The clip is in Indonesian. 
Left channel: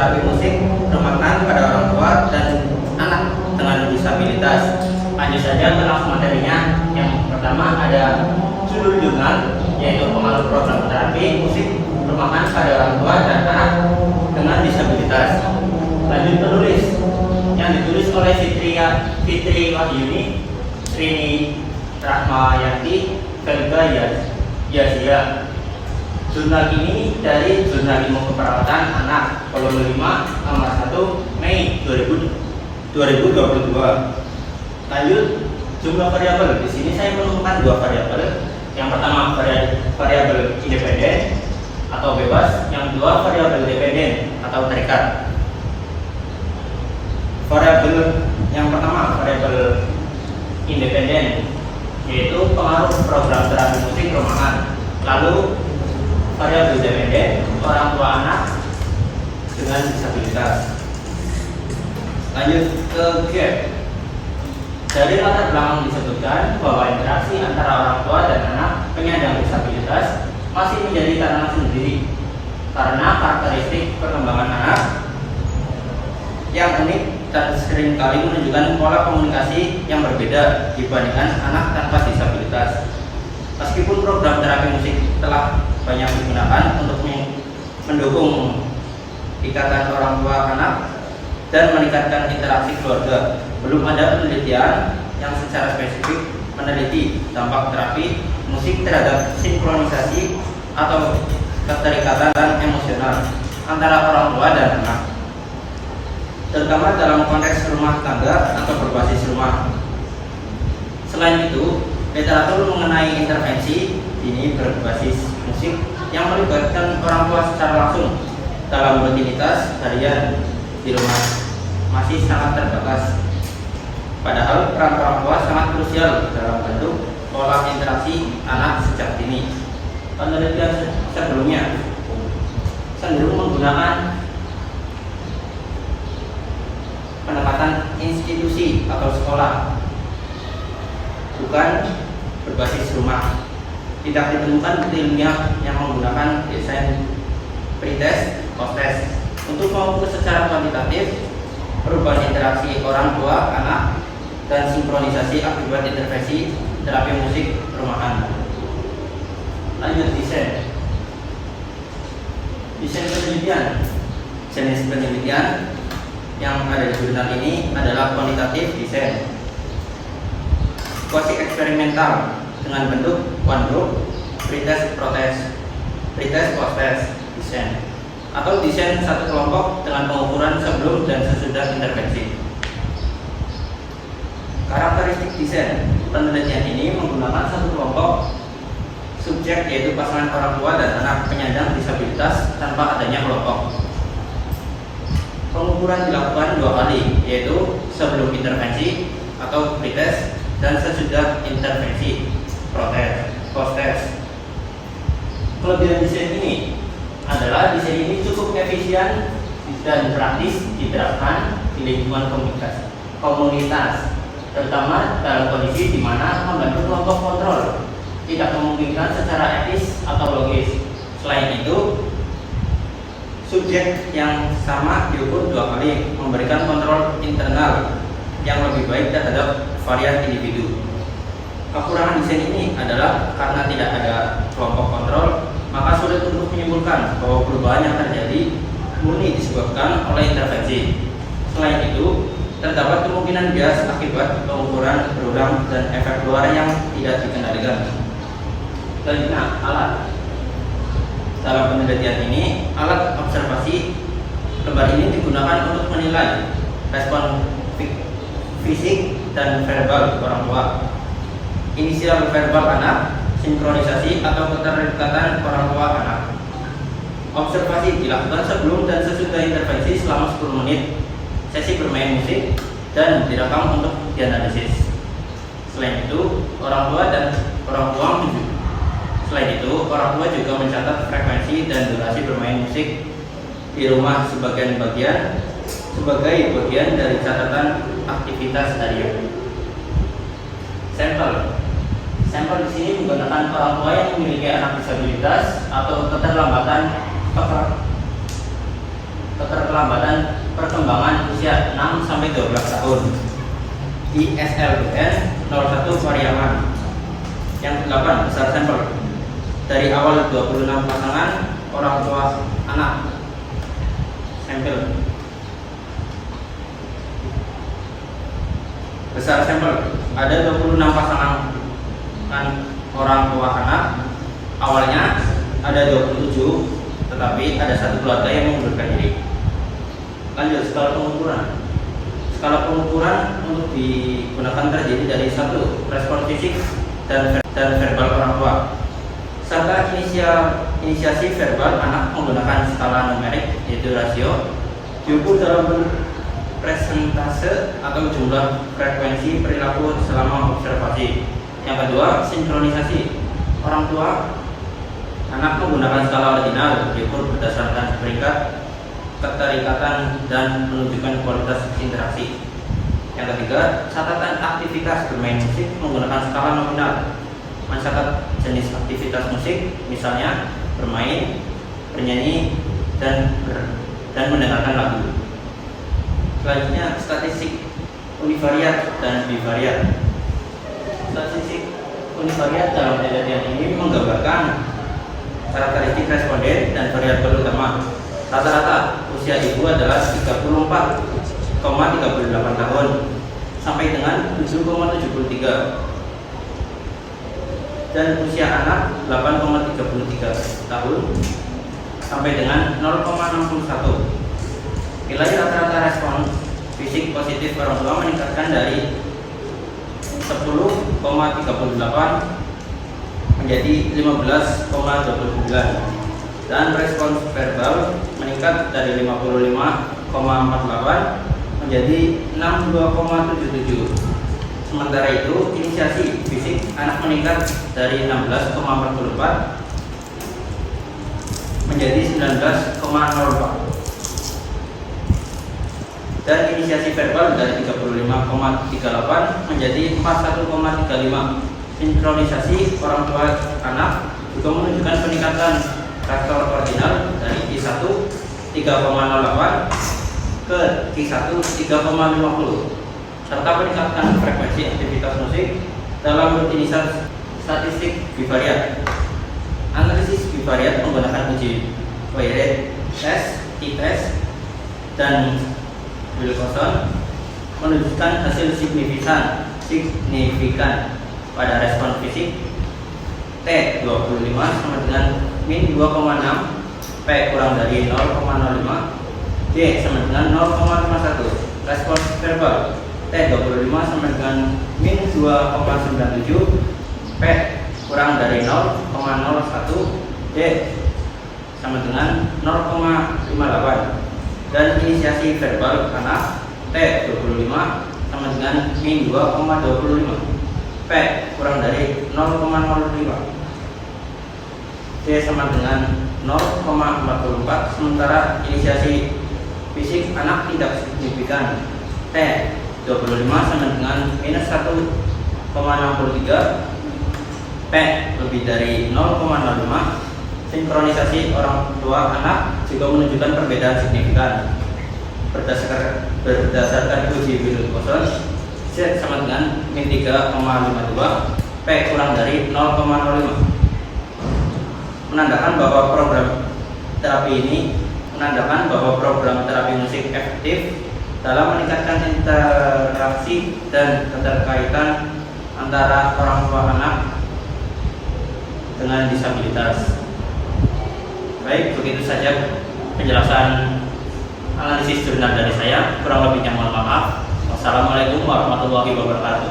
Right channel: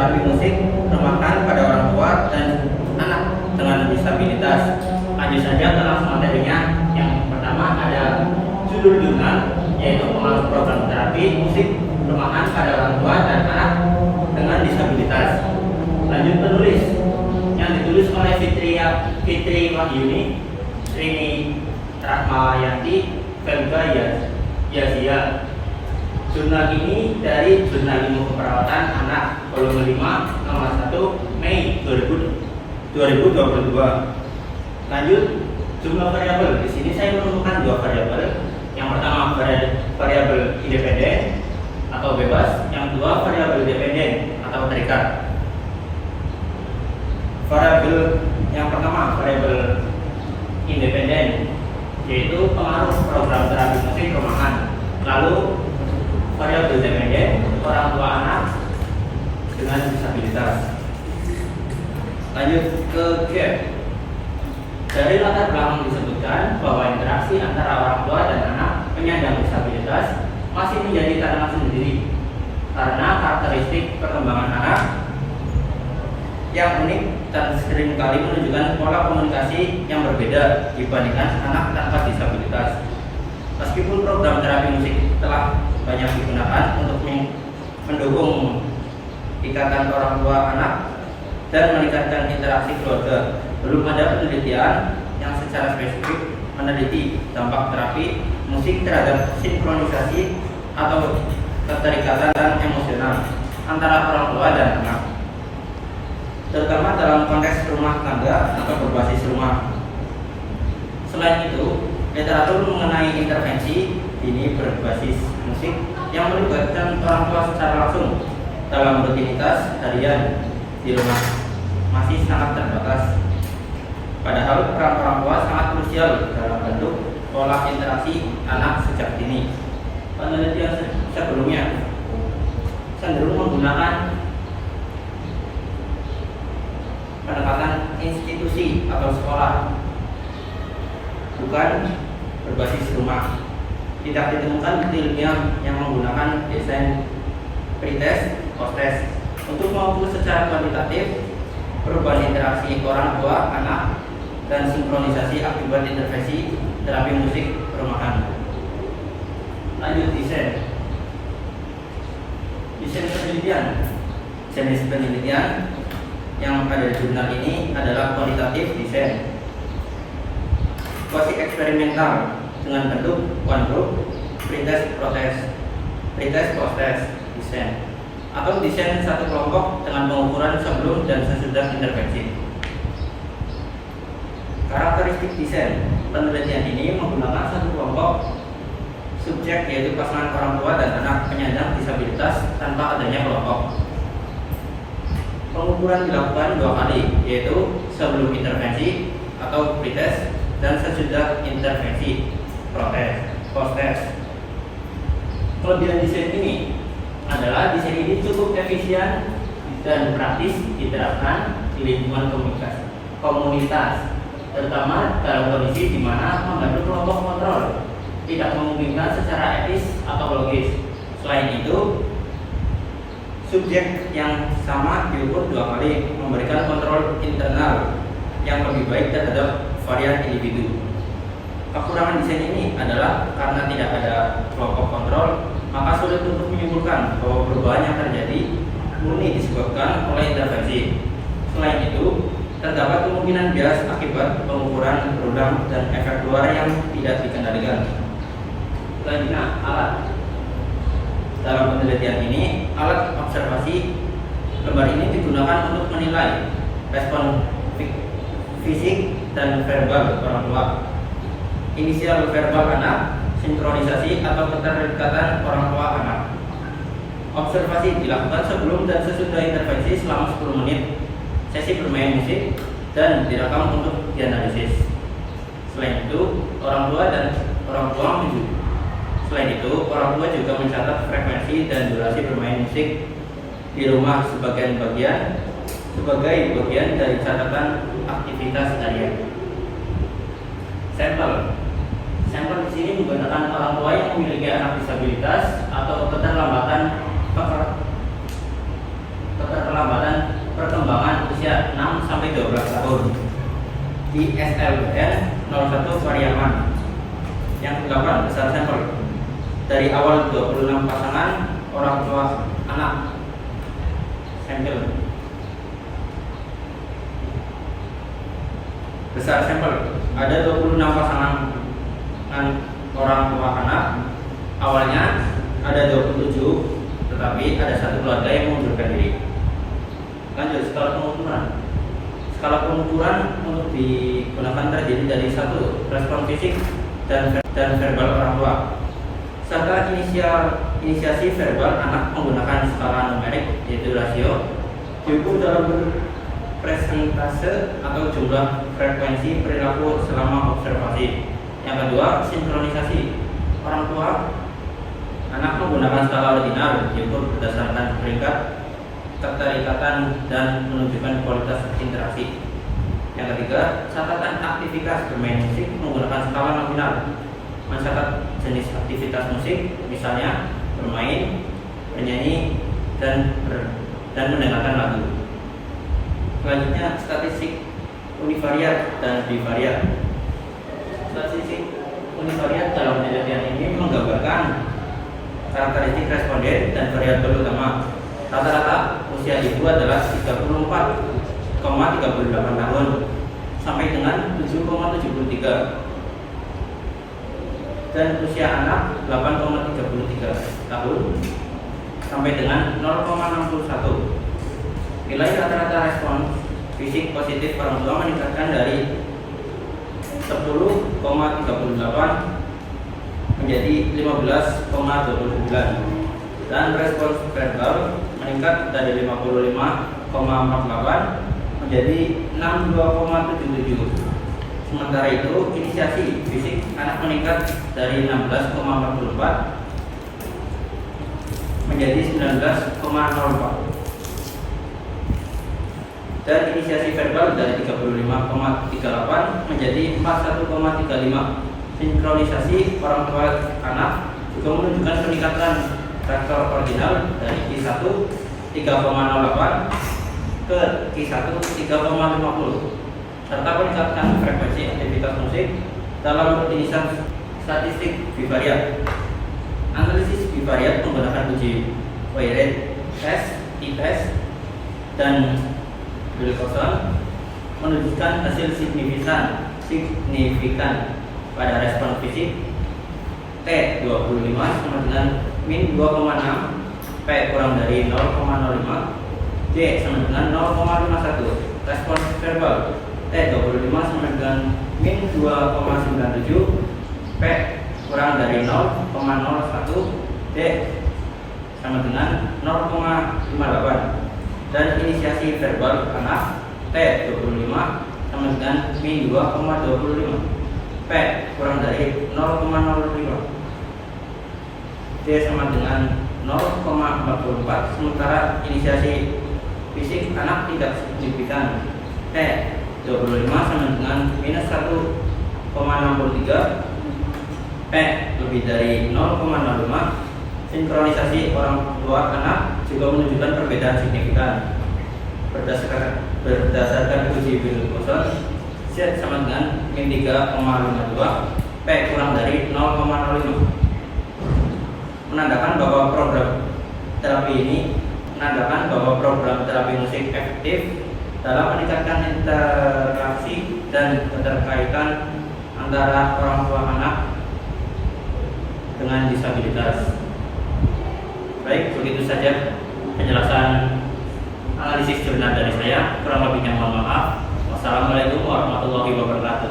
terapi musik remakan pada orang tua dan anak dengan disabilitas. Lanjut saja ke langsung materinya. Yang pertama ada judul jurnal, yaitu pengaruh program terapi musik remakan pada orang tua dan anak dengan disabilitas. Lanjut penulis, yang ditulis oleh Fitri Wahyuni, Rini Rahmayanti, Felga Yazia. Jurnal ini dari Jurnal Ilmu Keperawatan Anak volume 5 nomor 1 Mei 2022. Lanjut, jumlah variabel. Di sini saya menemukan dua variabel. Yang pertama variabel independen atau bebas, yang kedua variabel dependen atau terikat. Variabel yang pertama variabel independen, yaitu pengaruh program terapi musik rumahan. Lalu variabel dependen, orang tua anak dengan disabilitas. Lanjut ke gap. Dari latar belakang disebutkan bahwa interaksi antara orang tua dan anak penyandang disabilitas masih menjadi tantangan sendiri karena karakteristik perkembangan anak yang unik dan seringkali menunjukkan pola komunikasi yang berbeda dibandingkan anak tanpa disabilitas. Meskipun program terapi musik telah banyak digunakan untuk mendukung ikatan orang tua anak dan meningkatkan interaksi keluarga, belum ada penelitian yang secara spesifik meneliti dampak terapi musik terhadap sinkronisasi atau keterikatan emosional antara orang tua dan anak, terutama dalam konteks rumah tangga atau berbasis rumah. Selain itu, literatur mengenai intervensi ini berbasis musik yang melibatkan orang tua secara langsung dalam rutinitas harian di rumah masih sangat terbatas. Padahal peran orang tua sangat krusial dalam bentuk pola interaksi anak sejak dini. Penelitian sebelumnya cenderung menggunakan pendekatan institusi atau sekolah, bukan berbasis rumah. Tidak ditemukan bukti ilmiah yang menggunakan desain pretest, post-test untuk mengukur secara kuantitatif perubahan interaksi orang tua anak dan sinkronisasi akibat intervensi terapi musik rumahan. Lanjut desain penelitian. Jenis penelitian yang ada di jurnal ini adalah kualitatif desain, kuasi eksperimental dengan bentuk one group, pretest post-test desain, atau desain satu kelompok dengan pengukuran sebelum dan sesudah intervensi. Karakteristik desain penelitian ini menggunakan satu kelompok subjek, yaitu pasangan orang tua dan anak penyandang disabilitas tanpa adanya kelompok. Pengukuran dilakukan dua kali, yaitu sebelum intervensi atau pretest dan sesudah intervensi post-test. Kelebihan desain ini adalah desain ini cukup efisien dan praktis diterapkan di lingkungan komunitas, terutama dalam kondisi di mana membantu kelompok kontrol tidak memungkinkan secara etis atau logis. Selain itu, subjek yang sama diukur dua kali, memberikan kontrol internal yang lebih baik terhadap varian individu. Kekurangan desain ini adalah karena tidak ada kelompok kontrol, maka sulit untuk menyimpulkan bahwa perubahan yang terjadi murni disebabkan oleh intervensi. Selain itu, terdapat kemungkinan bias akibat pengukuran berulang dan efek luar yang tidak dikendalikan. Selanjutnya, alat. Dalam penelitian ini, alat observasi lembar ini digunakan untuk menilai respon fisik dan verbal orang tua, inisial verbal anak, sinkronisasi atau keterikatan orang tua anak. Observasi dilakukan sebelum dan sesudah intervensi selama 10 menit. Sesi bermain musik dan direkam untuk dianalisis. Selain itu, orang tua juga mencatat frekuensi dan durasi bermain musik di rumah sebagai bagian dari catatan aktivitas harian. Sampel di sini menggunakan orang tua yang memiliki anak disabilitas atau keterlambatan perkembangan usia 6 sampai 12 tahun. ISLBN 01 Pariaman. Yang ke-8, besar sampel. Dari awal 26 pasangan orang tua anak. Sampel. Besar sampel. Ada 26 pasangan orang tua anak. Awalnya ada 27, tetapi ada satu keluarga yang mengundurkan diri. Lanjut, skala pengukuran. Skala pengukuran untuk digunakan terdiri dari 1. Respon fisik dan verbal orang tua, serta inisiasi verbal anak menggunakan skala numerik, yaitu rasio, diukur dalam bentuk presentase atau jumlah frekuensi perilaku selama observasi. Yang kedua, sinkronisasi. Orang tua anak menggunakan skala ordinal, diukur berdasarkan peringkat keterikatan dan menunjukkan kualitas interaksi. Yang ketiga, catatan aktivitas bermain musik menggunakan skala nominal, mencatat jenis aktivitas musik, misalnya bermain, bernyanyi, dan mendengarkan lagu. Selanjutnya, statistik univariat dan bivariat. Statistik univariat dalam penelitian ini menggambarkan karakteristik responden dan variabel utama. Rata-rata usia ibu adalah 34,38 tahun sampai dengan 7,73, dan usia anak 8,33 tahun sampai dengan 0,61. Nilai rata-rata respons fisik positif orang tua meningkatkan dari 10,38 menjadi 15,29, dan respons verbal meningkat dari 55,48 menjadi 62,77. Sementara itu, inisiasi fisik anak meningkat dari 16,44 menjadi 19,04, dan inisiasi verbal dari 35,38 menjadi 41,35. Sinkronisasi orang tua anak juga menunjukkan peningkatan faktor ordinal dari Q1 3,08 ke Q1 3,50, serta peningkatan frekuensi aktivitas musik dalam rutinitas statistik bivariat. Analisis bivariat menggunakan uji Poirot test, t-test, dan Wilcoxon menunjukkan hasil signifikan pada respon fisik T25 sama dengan min 2,6, P kurang dari 0,05, D sama dengan 0,51. Respons verbal T25 sama dengan min 2,97, P kurang dari 0,01, D sama dengan 0,58. Dan inisiasi verbal anak T25 sama dengan min 2,25, P kurang dari 0,05, D sama dengan 0,44. Sementara inisiasi fisik anak tidak signifikan, T25 sama dengan minus 1,63, P lebih dari 0,05. Sinkronisasi orang tua anak juga menunjukkan perbedaan signifikan. Berdasarkan uji Wilcoxon, Z sama dengan min 3,52, P kurang dari 0,05, menandakan bahwa program terapi musik efektif dalam meningkatkan interaksi dan keterkaitan antara orang tua anak dengan disabilitas. Baik, begitu saja penjelasan analisis jurnal dari saya. Kurang lebihnya mohon maaf. Wassalamualaikum warahmatullahi wabarakatuh.